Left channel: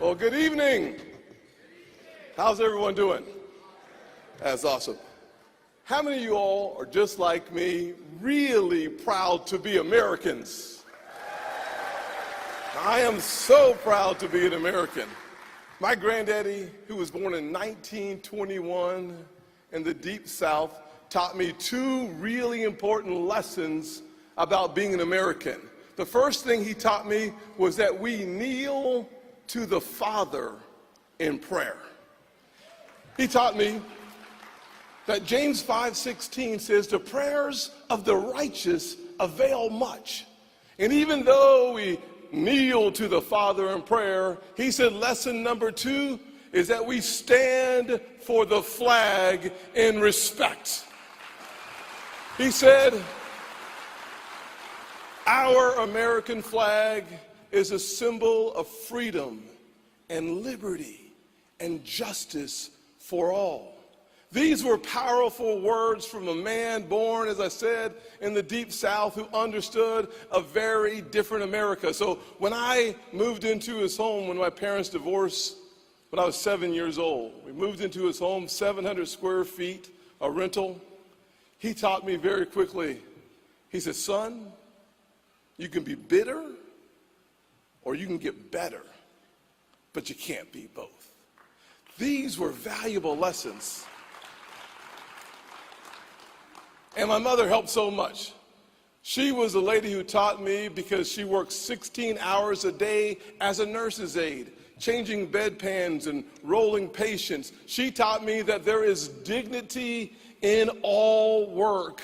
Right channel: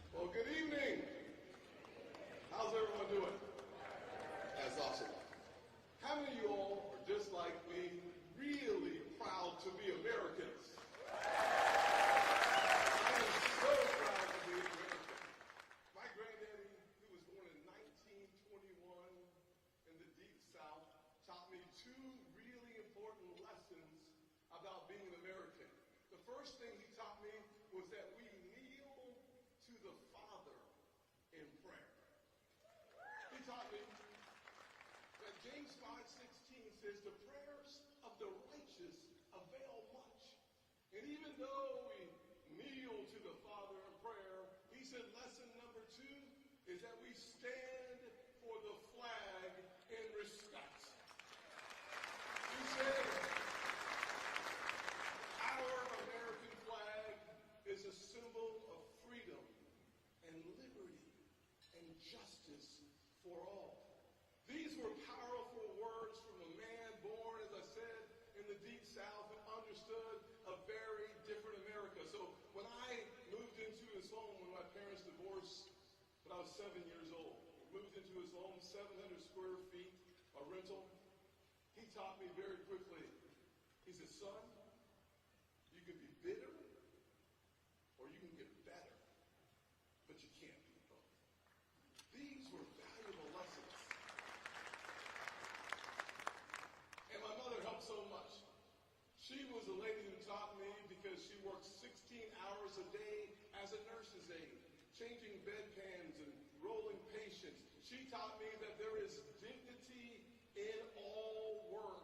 Well, good evening. How's everyone doing? That's awesome. How many of you all are just like me, really proud to be Americans? I am so proud to be an American. My granddaddy, who was born in 1921 in the Deep South, taught me two really important lessons about being an American. The first thing he taught me was that we kneel to the Father in prayer. He taught me that James 5:16 says, the prayers of the righteous avail much. And even though we kneel to the Father in prayer, he said lesson number 2 is that we stand for the flag in respect. He said, our American flag is a symbol of freedom and liberty and justice for all. These were powerful words from a man born, as I said, in the Deep South who understood a very different America. So when I moved into his home when my parents divorced when I was 7 years old, we moved into his home, 700 square feet, a rental. He taught me very quickly, he said, son, you can be bitter or you can get better, but you can't be both. These were valuable lessons. And my mother helped so much. She was a lady who taught me because she worked 16 hours a day as a nurse's aide, changing bedpans and rolling patients. She taught me that there is dignity in all work,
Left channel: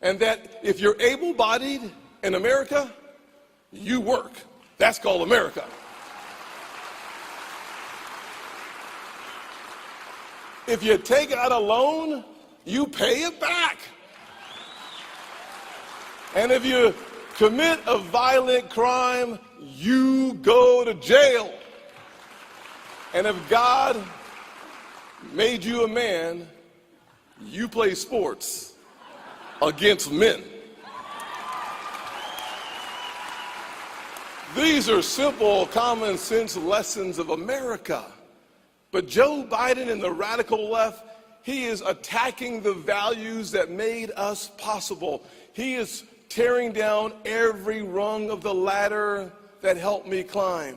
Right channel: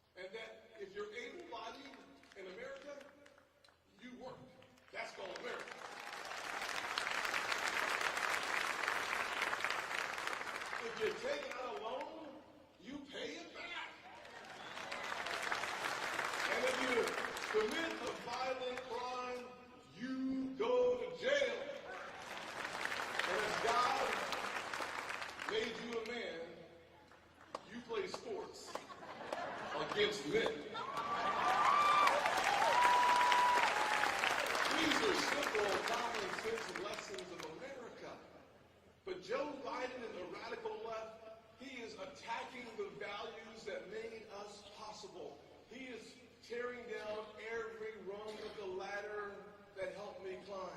and that if you're able-bodied in America, you work. That's called America. If you take out a loan, you pay it back. And if you commit a violent crime, you go to jail. And if God made you a man, you play sports against men. These are simple, common sense lessons of America. But Joe Biden and the radical left, he is attacking the values that made us possible. He is tearing down every rung of the ladder that helped me climb.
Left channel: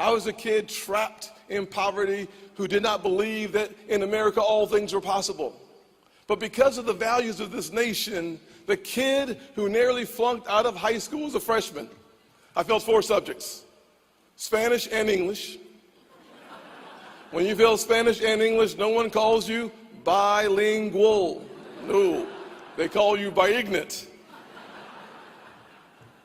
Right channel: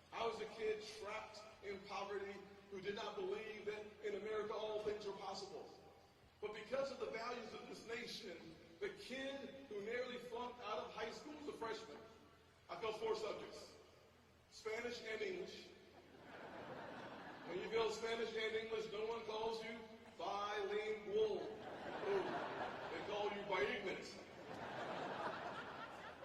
I was a kid trapped in poverty who did not believe that in America all things were possible. But because of the values of this nation, the kid who nearly flunked out of high school as a freshman, I failed 4 subjects, Spanish and English. When you fail Spanish and English, no one calls you bilingual. No, they call you biignant.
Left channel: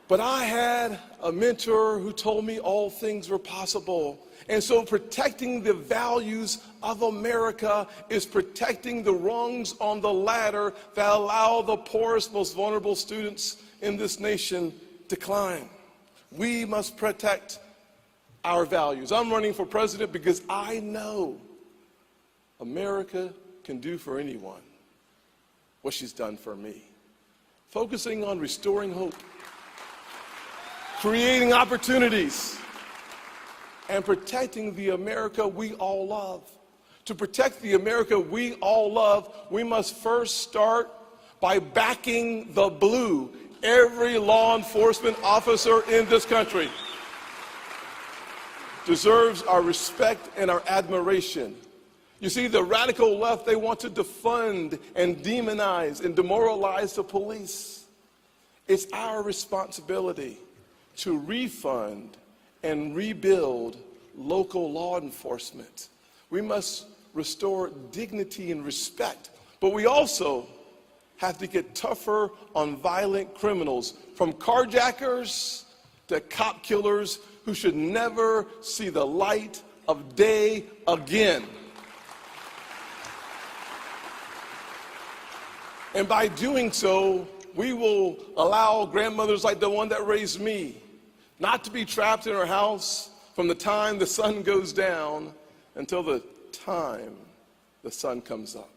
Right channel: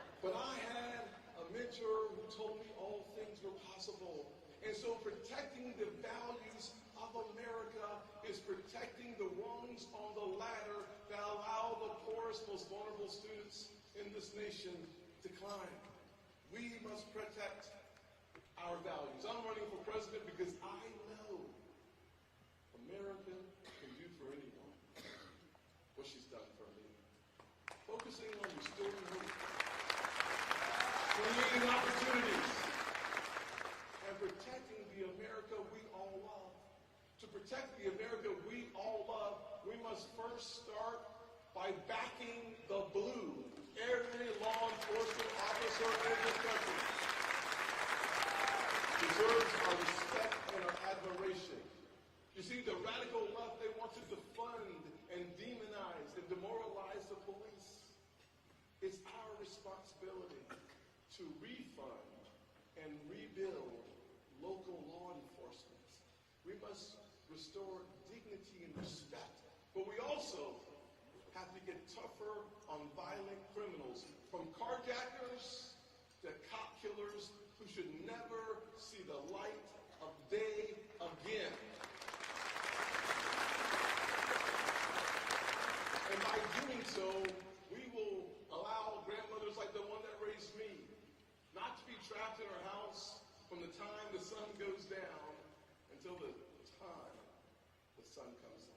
But I had a mentor who told me all things were possible. And so protecting the values of America is protecting the rungs on the ladder that allow the poorest, most vulnerable students in this nation to climb. We must protect our values. I'm running for president because I know America can do for anyone what she's done for me. Focusing on restoring hope, creating opportunities, and protecting the America we all love. To protect the America we all love, we must first start by backing the blue, every law enforcement officer in this country deserves our respect and our admiration. You see, the radical left, they want to defund and demonize and demoralize the police. It's our responsibility to refund and rebuild local law enforcement. We must restore dignity and respect, but we also have to get tougher on violent criminals, from carjackers to cop killers who should never see the light of day again. And by doing so, we will allow grandmothers like the one that raised me not to be trapped in her house from the time the sun goes down until the time the sun comes up.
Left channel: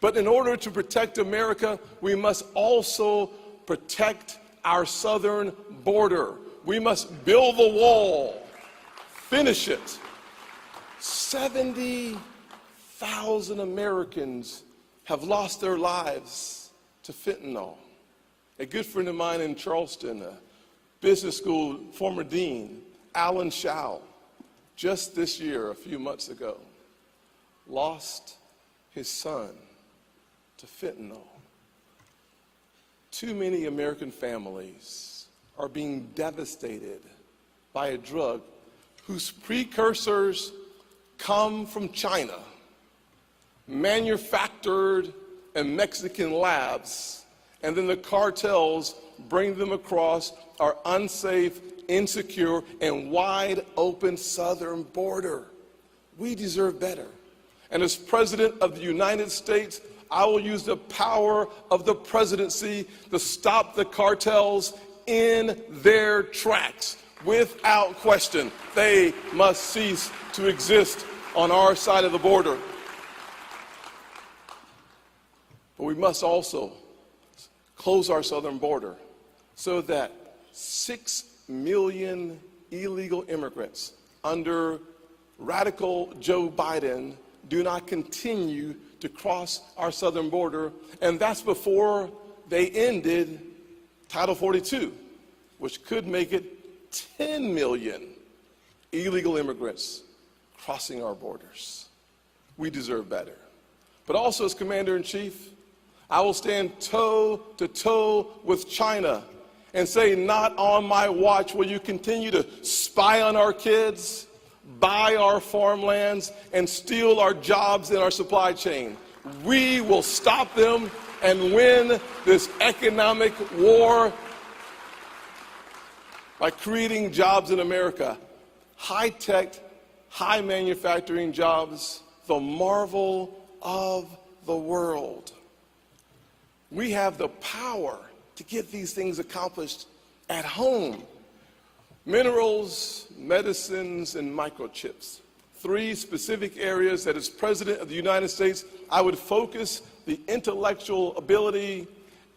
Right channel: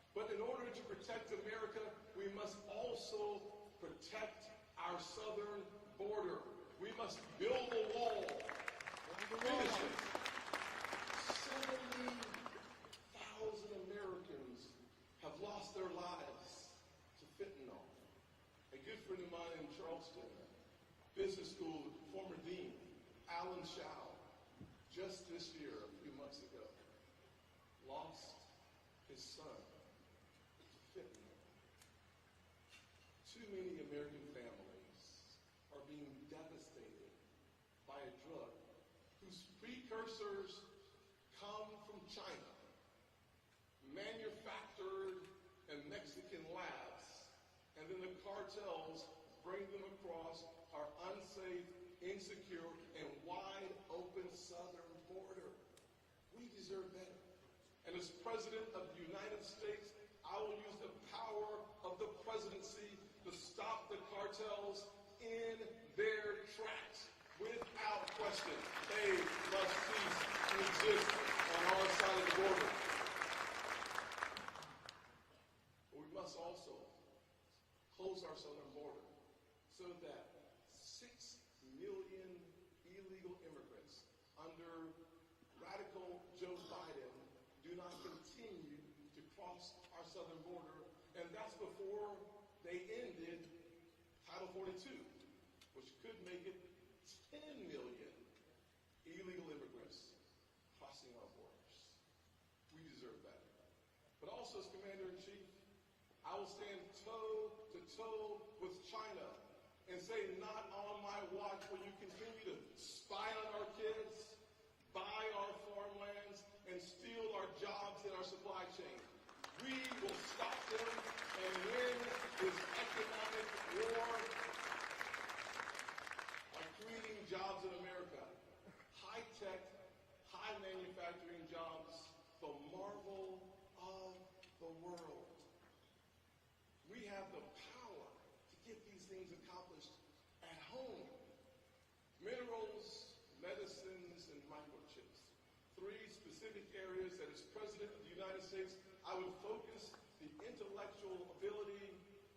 But in order to protect America, we must also protect our southern border. We must build the wall, finish it. 70,000 Americans have lost their lives to fentanyl. A good friend of mine in Charleston, a business school former dean, Alan Schau, just this year, a few months ago, lost his son to fentanyl. Too many American families are being devastated by a drug whose precursors come from China, manufactured in Mexican labs, and then the cartels bring them across our unsafe, insecure, and wide open southern border. We deserve better. And as President of the United States, I will use the power of the presidency to stop the cartels in their tracks. Without question, they must cease to exist on our side of the border. But we must also close our southern border so that 6 million illegal immigrants under radical Joe Biden do not continue to cross our southern border. And that's before they ended Title 42, which could make it 10 million illegal immigrants crossing our borders. We deserve better. But also, as Commander-in-Chief, I will stand toe to toe with China and say, not on my watch will you continue to spy on our kids, buy our farmlands, and steal our jobs in our supply chain. We will stop them and win this economic war by creating jobs in America. High-tech, high manufacturing jobs, the marvel of the world. We have the power to get these things accomplished at home. Minerals, medicines, and microchips. 3 specific areas that as President of the United States, I would focus the intellectual ability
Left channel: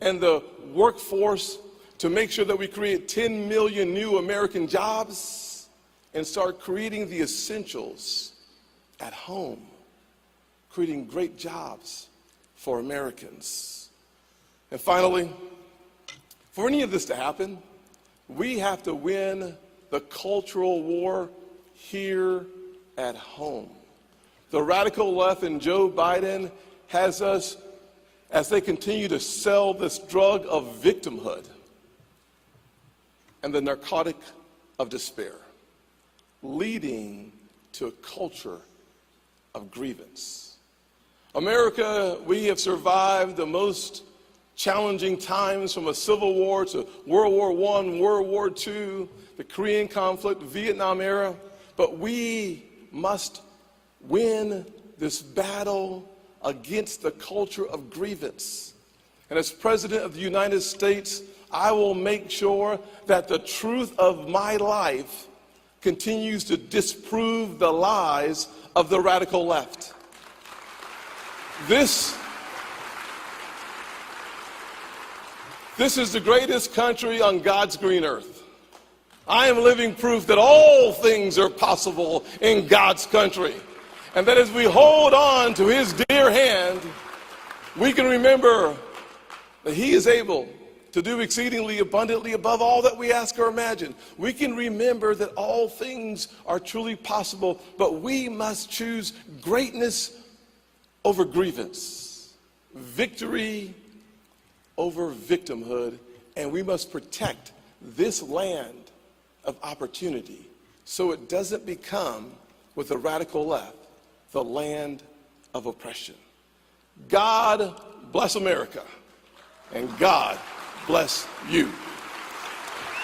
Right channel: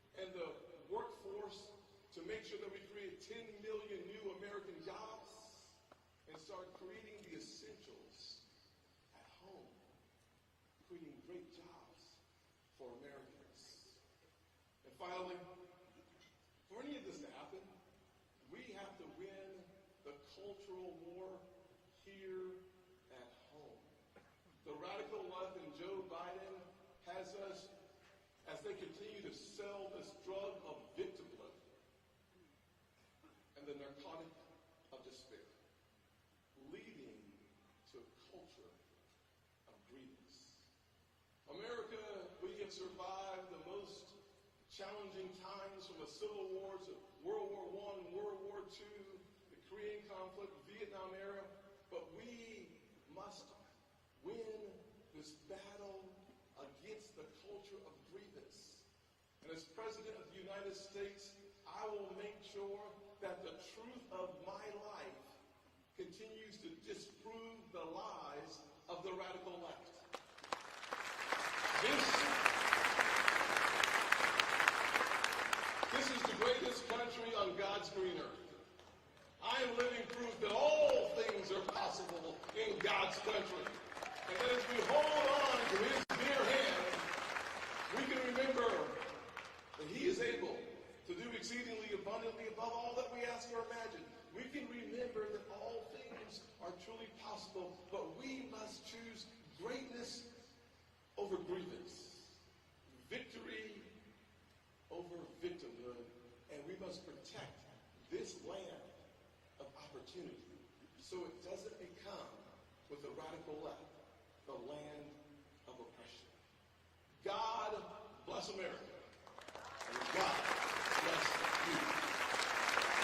and the workforce to make sure that we create 10 million new American jobs and start creating the essentials at home, creating great jobs for Americans. And finally, for any of this to happen, we have to win the cultural war here at home. The radical left and Joe Biden has us, as they continue to sell this drug of victimhood and the narcotic of despair, leading to a culture of grievance. America, we have survived the most challenging times, from a civil war to World War I, World War II, the Korean conflict, Vietnam era, but we must win this battle against the culture of grievance. And as President of the United States, I will make sure that the truth of my life continues to disprove the lies of the radical left. This is the greatest country on God's green earth. I am living proof that all things are possible in God's country. And that as we hold on to his dear hand, we can remember that he is able to do exceedingly abundantly above all that we ask or imagine. We can remember that all things are truly possible, but we must choose greatness over grievance, victory over victimhood, and we must protect this land of opportunity so it doesn't become, with the radical left, the land of oppression. God bless America, and God bless you.